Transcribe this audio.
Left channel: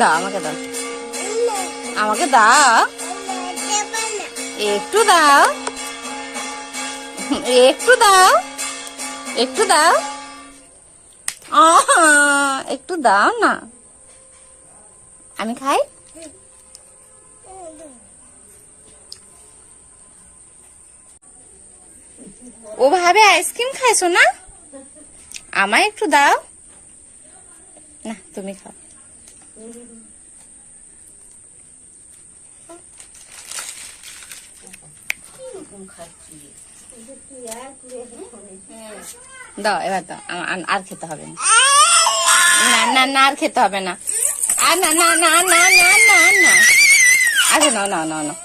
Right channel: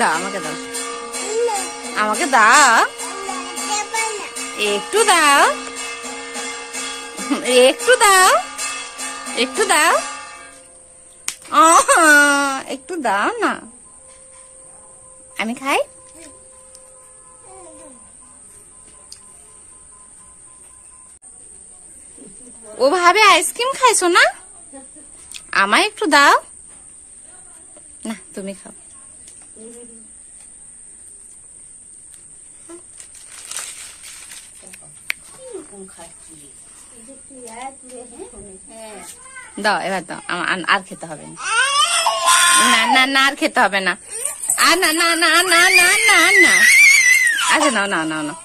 দাও, আমাকে দাও, আমাকে দাও, একটু দাও, একটু দাও, একটু দাও, একটু দাও না, আমি খাই। ও ভাবে আইসক্রিম খাইছো না, আমায় একটু দাও না, তুমি খাও। দাও এবার দাও, আর খেতে হবে না, না না আর খেতে হবে না, আর না না না না না না না, আচ্ছা নাও নাও নাও নাও।